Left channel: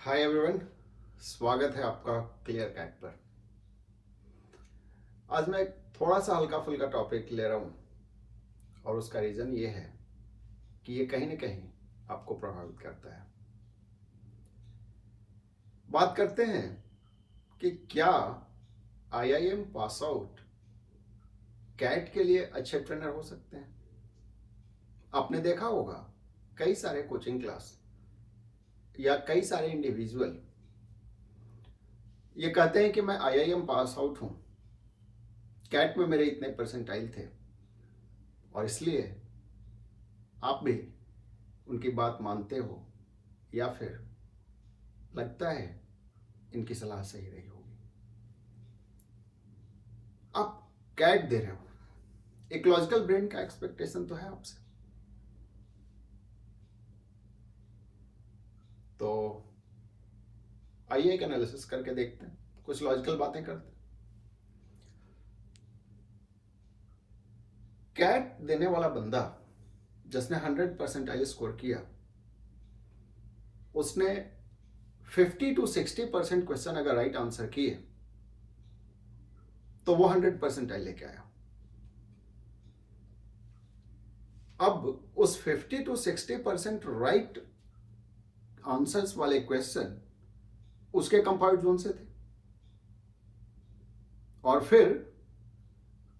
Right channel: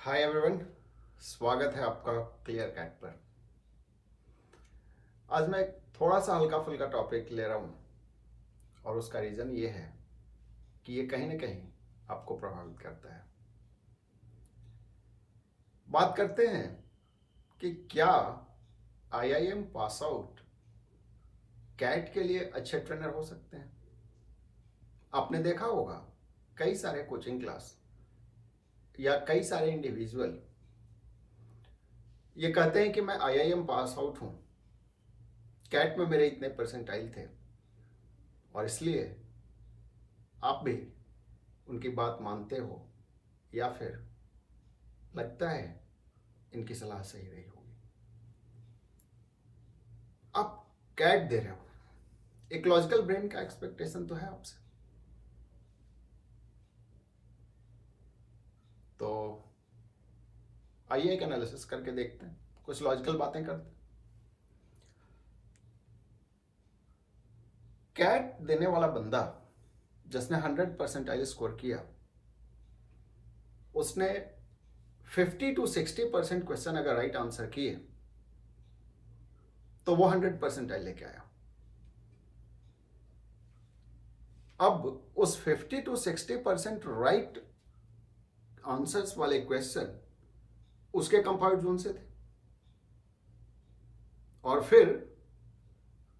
Hi everyone, स्वागत है आपका क्लियर कैट पर। आज मैं एक थोड़ा सा हल्का फुल्का टॉपिक ले रहा हूँ और उसका रीज़न ये है कि ये कहीं ना कहीं आपको प्रभावित करता है। बात करते हैं कि क्या आईआईएम पास आउट कैट के लिए अच्छे ट्रेनर हो सकते हैं। आपने देखा होगा कई सारे कोचिंग क्लास या कई सारे इंडिविजुअल ये कहते हैं कि मैं आईआईएम पास आउट हूं, कैट में मेरे इतने परसेंटाइल थे और इसलिए आप भी उनकी बात मानते हो या फिर लगता है इनकी सलाह सही रही होगी। आप कैट दे रहे हो, एक लॉजिकल ब्रेन का एक्सपेक्टेशन तो है आपसे, तो आइए एक एनालिसिस करके देखते हैं, कुछ लॉजिकल बातें करते हैं। कैट देने वाला बंदा जिसने 100 परसेंटाइल स्कोर किया, उसने 50 to 60% क्वेश्चन अगर राइट आंसर किए तो वो 100 परसेंटाइल लेके आया। अब उस 50 to 60% राइट आंसर्स वाले क्वेश्चन उसके कंफर्ट जोन से थे और फिर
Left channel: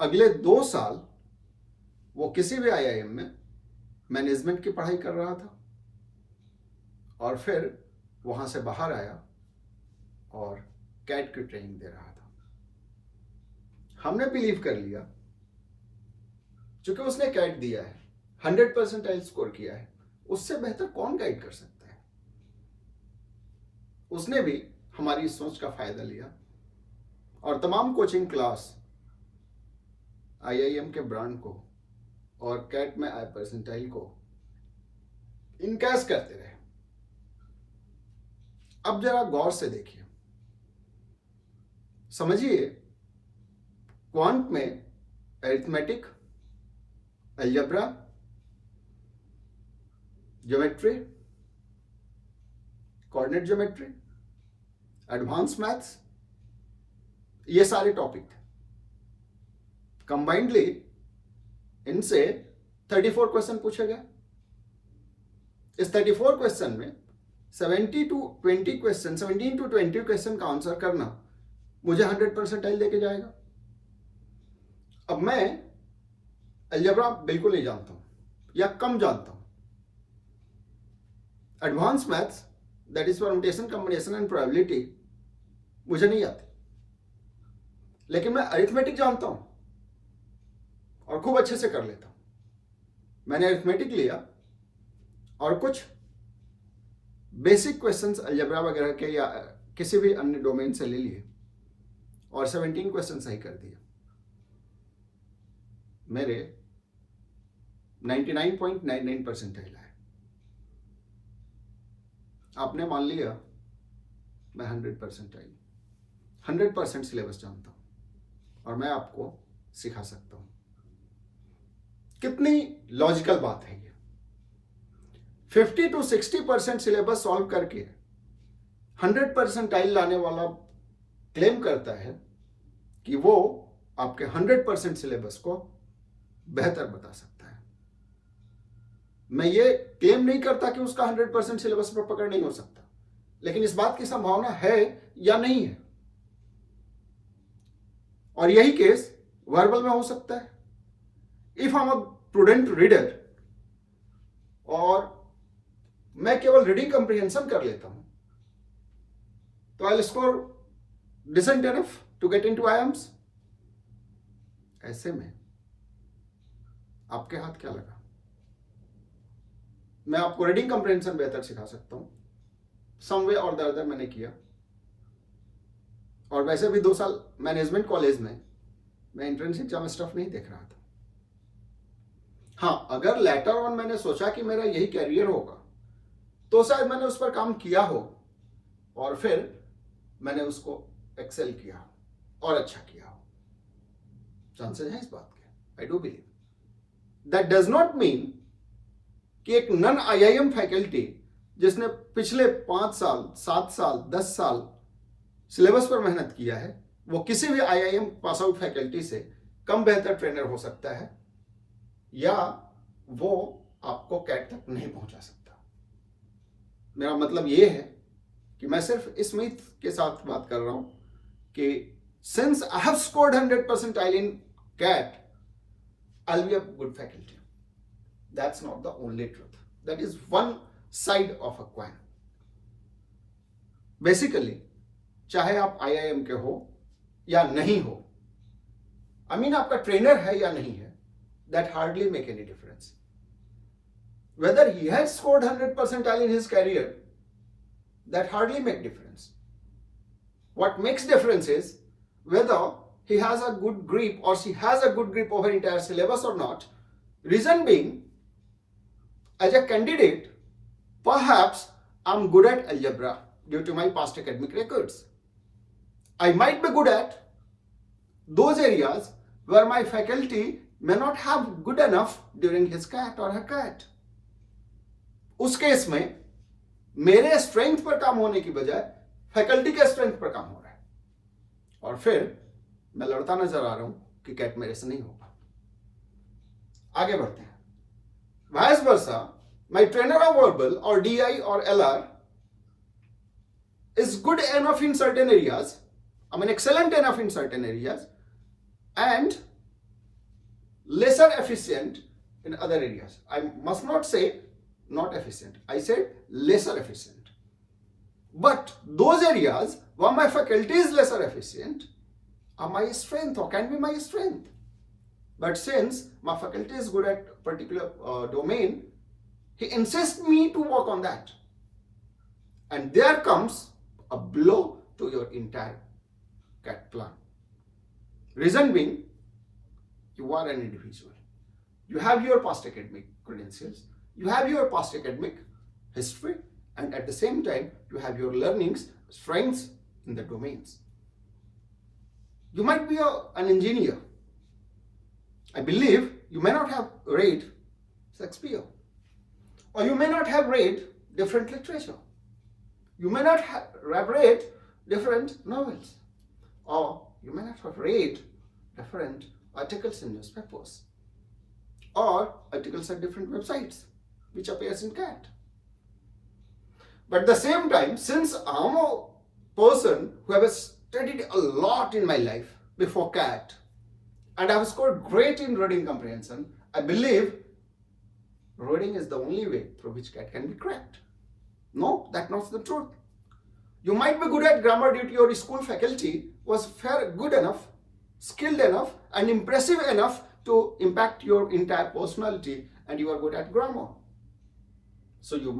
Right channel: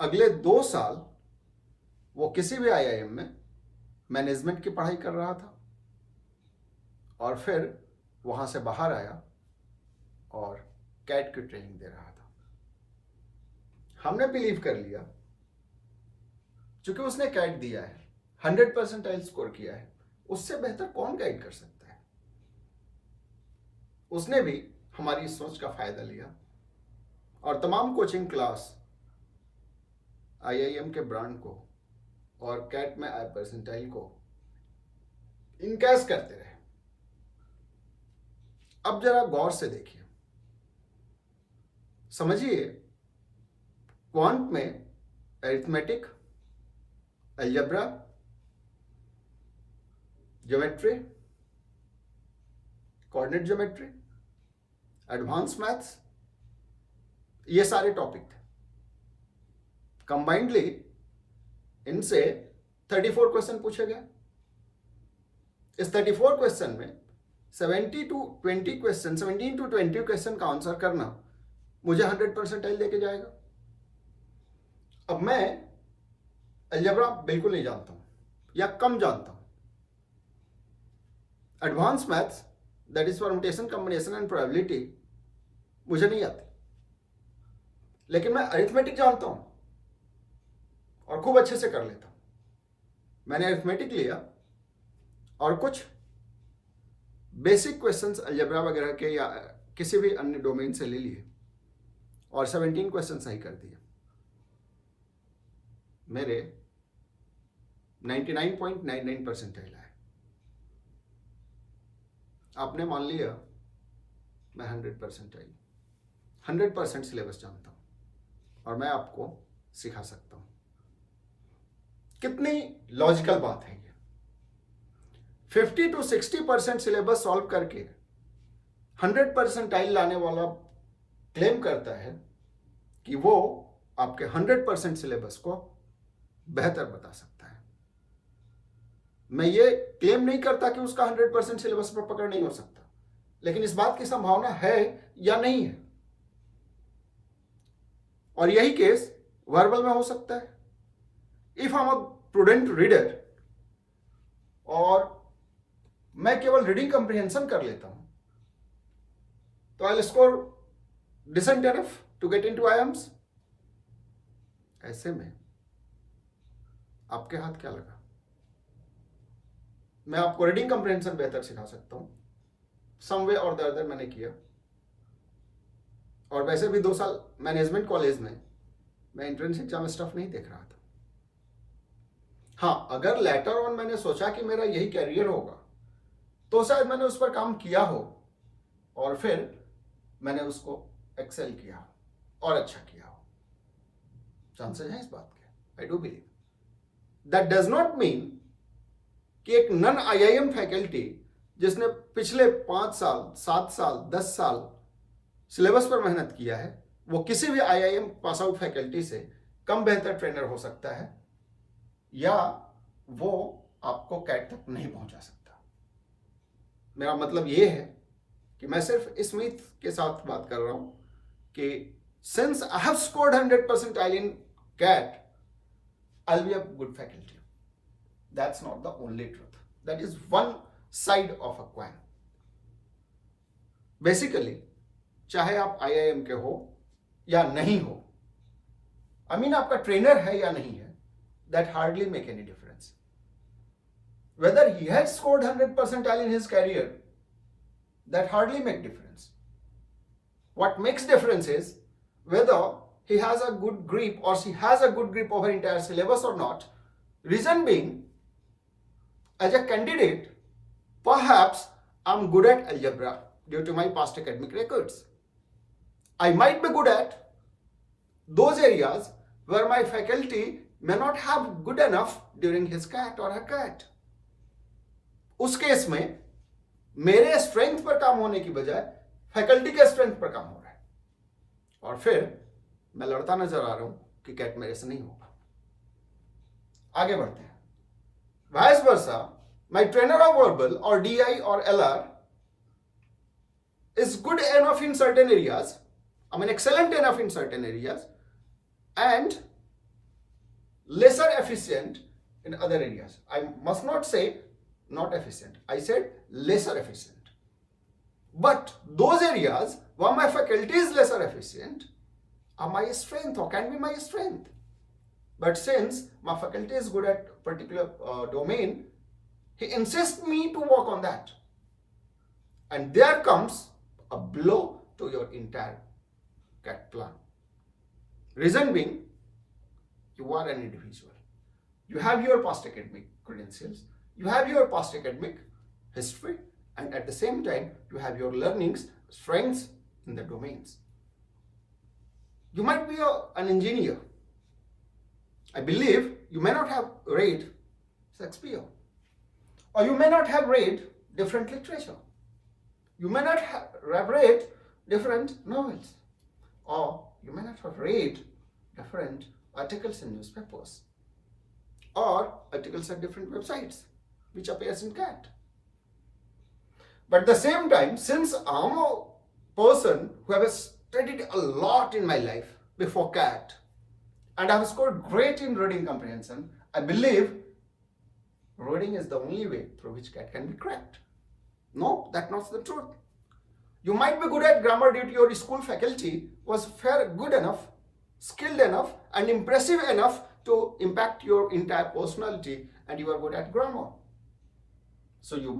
अगले 2 साल वो किसी भी आईआईएम में मैनेजमेंट की पढ़ाई कर रहा था और फिर वहां से बाहर आया और कैट की ट्रेनिंग दे रहा था। हमने बिलीव कर लिया क्योंकि उसने कैट दिया है, 100 परसेंटाइल स्कोर किया है, उससे बेहतर कौन गाइड कर सकता है। उसने भी हमारी इस सोच का फायदा लिया और तमाम कोचिंग क्लास आईआईएम के ब्रांड को और कैट में आए परसेंटाइल को इनकैश करते रहे। अब जरा गौर से देखिए, समझिए क्वांट में arithmetic, algebra, geometry, coordinate geometry, advance maths, ये सारे टॉपिक थे। कंबाइंडली इनसे 34 क्वेश्चन पूछे गए। इस 34 क्वेश्चन में 17 to 20 क्वेश्चन का आंसर करना मुझे 100 परसेंटाइल देके जाएगा। अब मैं अलजेब्रा बिल्कुल नहीं जानता हूं या कम जानता हूं। Advance maths that is permutation, combination and probability मुझे नहीं आती, लेकिन मैं अरिथमेटिक जानता हूं और खूब अच्छे से कर लेता हूं। मैंने अरिथमेटिक लिया और कुछ बेसिक क्वेश्चंस अलजेब्रा वगैरह के या किसी भी अन्य डोमेन से ले लिए और 17 क्वेश्चन सही कर दिए। मेरे 99.99 परसेंटाइल आए। आपने मान लिया मैं 100 परसेंटाइल, 100% सिलेबस जानता हूं और मैं आपको सिखा सकता हूं। कितनी लॉजिकल बात है ये। 50 to 60% सिलेबस सॉल्व करके 100 परसेंटाइल लाने वाला क्लेम करता है कि वो आपके 100% सिलेबस को बेहतर बता सकता है। मैं ये क्लेम नहीं करता कि उसका 100% सिलेबस पर पकड़ नहीं हो सकता, लेकिन इस बात की संभावना है या नहीं है। और यही केस वर्बल में हो सकता है। If I am a prudent reader और मैं केवल रीडिंग कंप्रिहेंशन कर लेता हूं तो I will score decent enough to get into IIMs. ऐसे में आपके हाथ क्या लगा। मैं आपको रीडिंग कंप्रिहेंशन बेहतर सिखा सकता हूं, सम वे और द अदर मैंने किया। और वैसे भी 2 साल मैनेजमेंट कॉलेज में मैं एंट्रेंस एग्जाम स्टफ नहीं देख रहा था। हाँ, अगर लेटर ऑन मैंने सोचा कि मेरा यही कैरियर होगा तो शायद मैंने उस पर काम किया हो और फिर मैंने उसको एक्सेल किया और अच्छा किया हो। चांसेस हैं इस बात के, I do believe. That does not mean कि एक नॉन आईआईएम फैकल्टी जिसने पिछले 5 साल, 7 साल, 10 साल सिलेबस पर मेहनत किया है, वो किसी भी आईआईएम पास आउट फैकल्टी से कम बेहतर ट्रेनर हो सकता है, या वो आपको कैट तक नहीं पहुंचा सकता। मेरा मतलब ये है कि मैं सिर्फ इस उम्मीद के साथ बात कर रहा हूं कि since I have scored 100 percentile in CAT, I'll be a good faculty. That's not the only truth. That is one side of a coin. Basically, चाहे आप आईआईएम के हो या नहीं हो, I mean आपका ट्रेनर है या नहीं है, that hardly make any difference. Whether he has scored 100 percentile in his career, that hardly make difference. What makes difference is whether he has a good grip or she has a good grip over entire syllabus or not. Reason being, as a candidate, perhaps I'm good at algebra due to my past academic records. I might be good at those areas where my faculty may not have good enough during his CAT or her CAT. उस case में मेरे strength पर काम होने की बजाय faculty के strength पर काम हो रहा है, और फिर मैं लड़ता नजर आ रहा हूं कि कैट मेरे से नहीं होगा। आगे बढ़ते हैं। Vice versa, my trainer of verbal or DI or LR is good enough in certain areas, I mean excellent enough in certain areas, and lesser efficient in other areas. I must not say not efficient, I said lesser efficient. But those areas where my faculty is lesser efficient are my strength or can be my strength. But since my faculty is good at particular domain, he insists me to work on that. And there comes a blow to your entire CAT plan. Reason being, you are an individual. You have your past academic credentials, you have your past academic history, and at the same time, you have your learnings, strengths in the domains. You might be an engineer. I believe you may not have read Shakespeare, or you may not have read different literature. You may not have read different novels, or you may not have read different articles in newspapers, or articles at different websites which appears in CAT. But at the same time, since I'm a person who has studied a lot in my life before CAT, and I have scored great in reading comprehension, I believe reading is the only way through which CAT can be cracked. No, that's not the truth. You might be good at grammar due to your school faculty was good enough, skilled enough, and impressive enough to impact your entire personality, and you are good at grammar. So you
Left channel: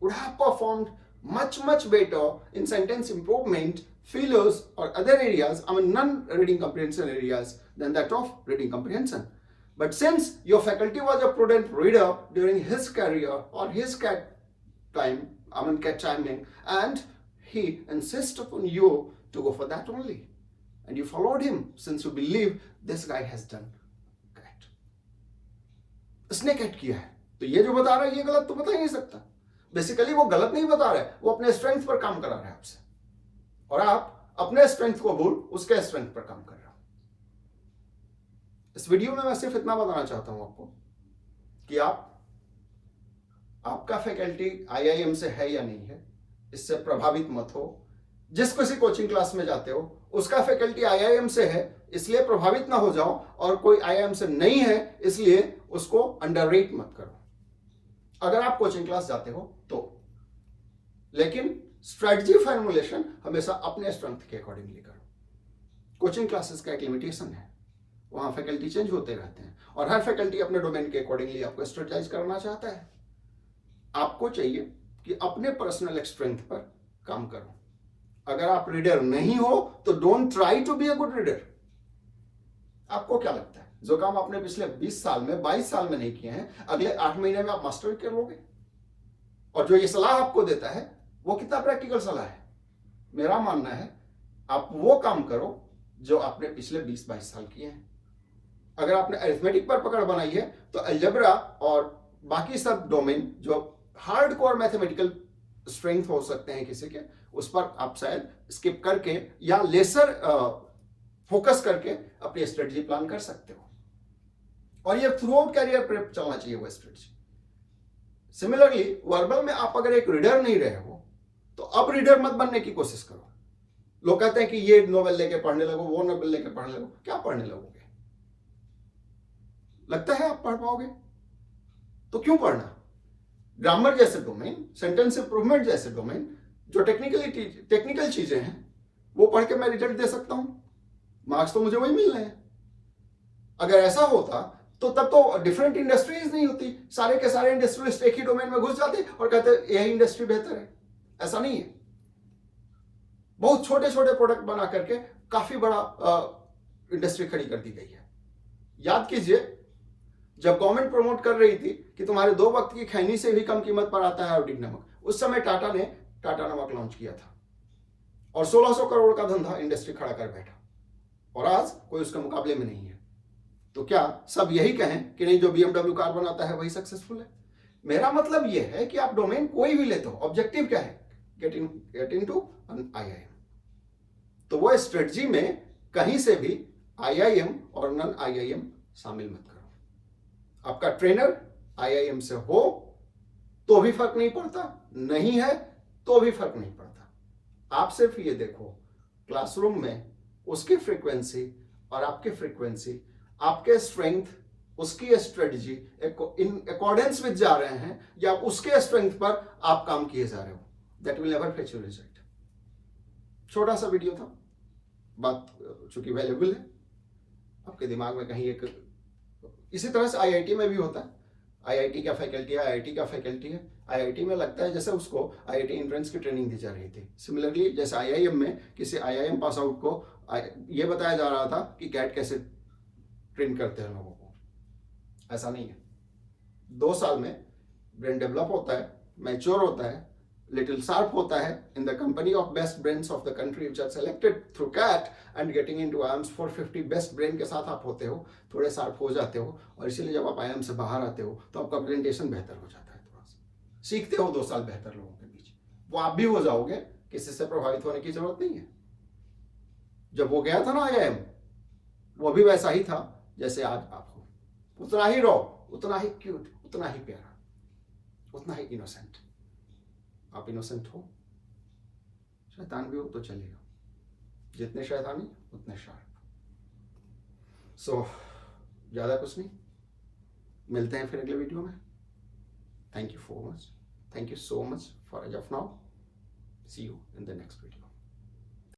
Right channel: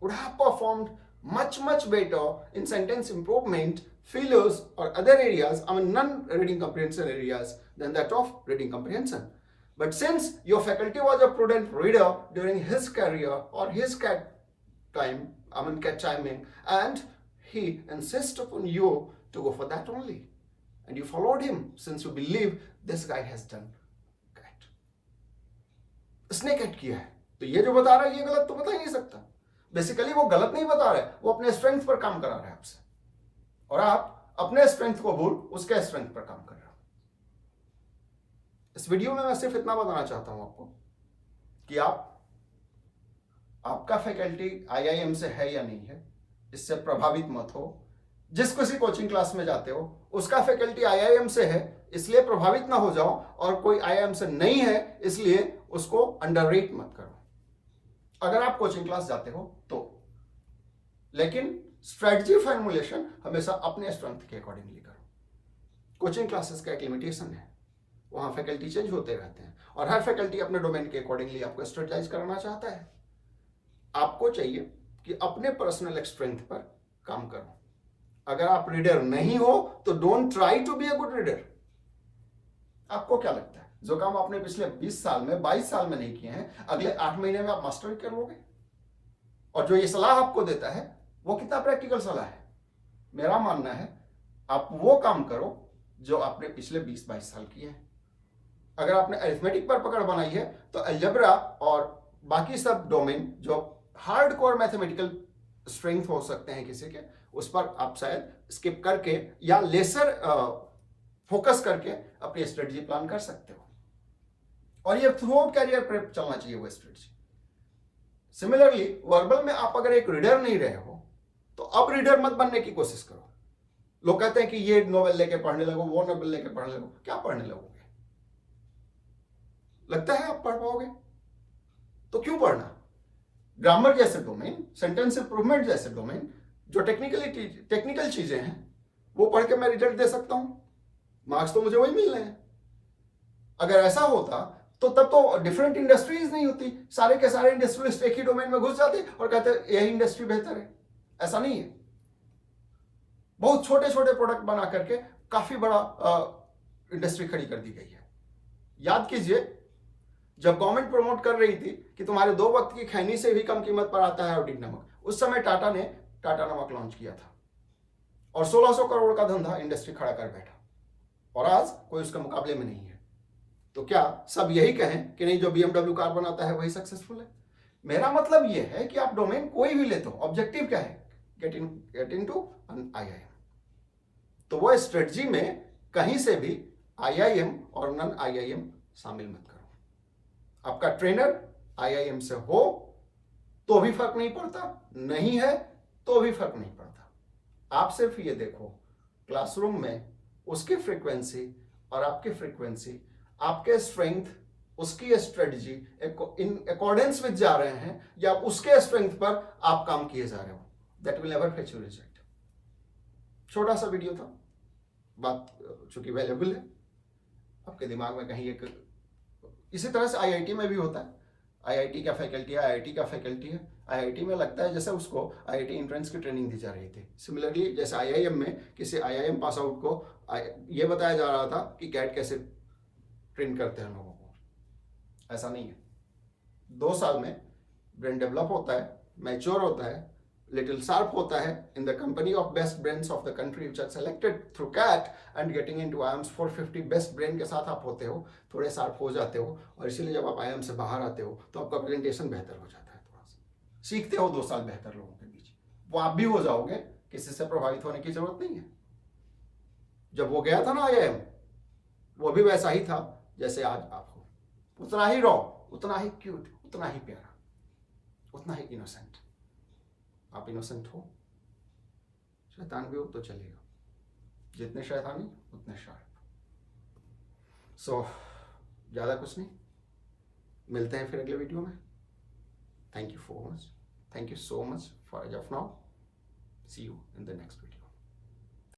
would have performed much better in sentence improvement, fillers, or other areas, I mean non-reading comprehension areas, than that of reading comprehension. But since your faculty was a prudent reader during his career or his CAT time, I mean CAT timing, and he insists upon you to go for that only, and you followed him since you believe this guy has done CAT. उसने CAT किया है, तो ये जो बता रहा है ये गलत तो बता ही नहीं सकता। बेसिकली वो गलत नहीं बता रहा है, वो अपने स्ट्रेंथ पर काम करा रहा है आपसे, और आप अपने स्ट्रेंथ को भूल उसके स्ट्रेंथ पर काम कर रहे हो। इस वीडियो में मैं सिर्फ इतना बताना चाहता हूं आपको कि आपका फैकल्टी आईआईएम से है या नहीं है, इससे प्रभावित मत हो। जिस किसी कोचिंग क्लास में जाते हो उसका फैकल्टी आईआईएम से है इसलिए प्रभावित ना हो जाओ, और कोई आईआईएम से नहीं है इसलिए उसको अंडररेट मत करो। अगर आप कोचिंग क्लास जाते हो तो, लेकिन स्ट्रेटजी फॉर्मुलेशन हमेशा अपने स्ट्रेंथ के अकॉर्डिंगली करो। कोचिंग क्लासेस का एक लिमिटेशन है, वहां फैकल्टी चेंज होते रहते हैं, और हर फैकल्टी अपने डोमेन के अकॉर्डिंगली आपको स्ट्रेटजाइज करना चाहता है। आपको चाहिए कि अपने पर्सनल स्ट्रेंथ पर काम करो। अगर आप रीडर नहीं हो तो don't try to be a good reader. आपको क्या लगता है जो काम आपने पिछले 20 साल में 22 साल में नहीं किए हैं, अगले 8 महीने में आप मास्टर कर लोगे? और जो ये सलाह आपको देता है वो कितना प्रैक्टिकल सलाह है? मेरा मानना है आप वो काम करो जो आपने पिछले 20-22 साल किए हैं। अगर आपने अरिथमेटिक पर पकड़ बनाई है तो अलजेब्रा और बाकी सब डोमेन जो हार्डकोर मैथमेटिकल स्ट्रेंथ हो सकते हैं किसी के, उस पर आप शायद स्किप करके या लेसर फोकस करके अपनी स्ट्रेटजी प्लान कर सकते हो, और ये थ्रू आउट कैरियर पर चलना चाहिए वो स्ट्रेटजी। सिमिलरली वर्बल में आप अगर एक रीडर नहीं रहे हो तो अब रीडर मत बनने की कोशिश करो। लोग कहते हैं कि ये नोवेल लेके पढ़ने लगो, वो नोवेल लेके पढ़ने लगो। क्या पढ़ने लगोगे? लगता है आप पढ़ पाओगे? तो क्यों पढ़ना? ग्रामर जैसे डोमेन, सेंटेंस इंप्रूवमेंट जैसे डोमेन, जो टेक्निकल चीजें हैं, वो पढ़ के मैं रिजल्ट दे सकता हूं, मार्क्स तो मुझे वही मिल रहे हैं। अगर ऐसा होता तो तब तो डिफरेंट इंडस्ट्रीज नहीं होती, सारे के सारे इंडस्ट्रियलिस्ट एक ही डोमेन में घुस जाते और कहते यही इंडस्ट्री बेहतर है। ऐसा नहीं है। बहुत छोटे छोटे प्रोडक्ट बना करके काफी बड़ा इंडस्ट्री खड़ी कर दी गई है। याद कीजिए, जब गवर्नमेंट प्रमोट कर रही थी कि तुम्हारे 2 वक्त की खैनी से भी कम कीमत पर आता है आयोडीन नमक, उस समय टाटा ने टाटा नमक लॉन्च किया था और 1600 करोड़ का धंधा इंडस्ट्री खड़ा कर बैठा, और आज कोई उसके मुकाबले में नहीं है। तो क्या सब यही कहें कि नहीं जो BMW कार बनाता है वही सक्सेसफुल है? मेरा मतलब यह है कि आप डोमेन कोई भी लेते हो, ऑब्जेक्टिव क्या है? Get into an IIM। तो वो स्ट्रेटजी में कहीं से भी IIM और नन IIM शामिल मत करो। आपका ट्रेनर IIM से हो तो भी फर्क नहीं पड़ता, नहीं है तो भी फर्क नहीं पड़ता। आप सिर्फ ये देखो क्लासरूम में उसकी फ्रीक्वेंसी और आपकी फ्रीक्वेंसी, आपके स्ट्रेंथ, उसकी स्ट्रेटजी इन अकॉर्डेंस विद जा रहे हैं, या उसके स्ट्रेंथ पर आप काम किए जा रहे हो। That will never fetch you result. छोटा सा वीडियो था, बात चूंकि वैल्यूएबल है, आपके दिमाग में कहीं एक, इसी तरह से IIT में भी होता है। IIT का फैकल्टी है, IIT का फैकल्टी है। IIT में लगता है जैसे उसको IIT एंट्रेंस की ट्रेनिंग दी जा रही थी। सिमिलरली जैसे IIM में किसी IIM पास आउट को यह बताया जा रहा था कि कैट कैसे ट्रेन करते हैं लोगों को। ऐसा नहीं है। 2 साल में ब्रेन डेवलप होता है, मैच्योर होता है, लिटिल शार्प होता है in the company of best brains of the country which are selected through CAT and getting into IIMS 450 best brain के साथ आप होते हो, थोड़े शार्प हो जाते हो, और इसीलिए जब आप IIM से बाहर आते हो तो आपका प्रेजेंटेशन बेहतर हो जाता है। थोड़ा सा सीखते हो 2 साल बेहतर लोगों के बीच, वो आप भी हो जाओगे, किसी से प्रभावित होने की जरूरत नहीं है। जब वो गया था ना IIM, वो भी वैसा ही था जैसे आज आप हो, उतना ही रॉ, उतना ही क्यूट, उतना ही प्यारा, उतना ही इनोसेंट। आप इनोसेंट हो, शैतान भी हो तो चलेगा, जितने शैतानी उतने शार्प। सो ज्यादा कुछ नहीं, मिलते हैं फिर अगले वीडियो में। Thank you so much for as of now, see you in the next video.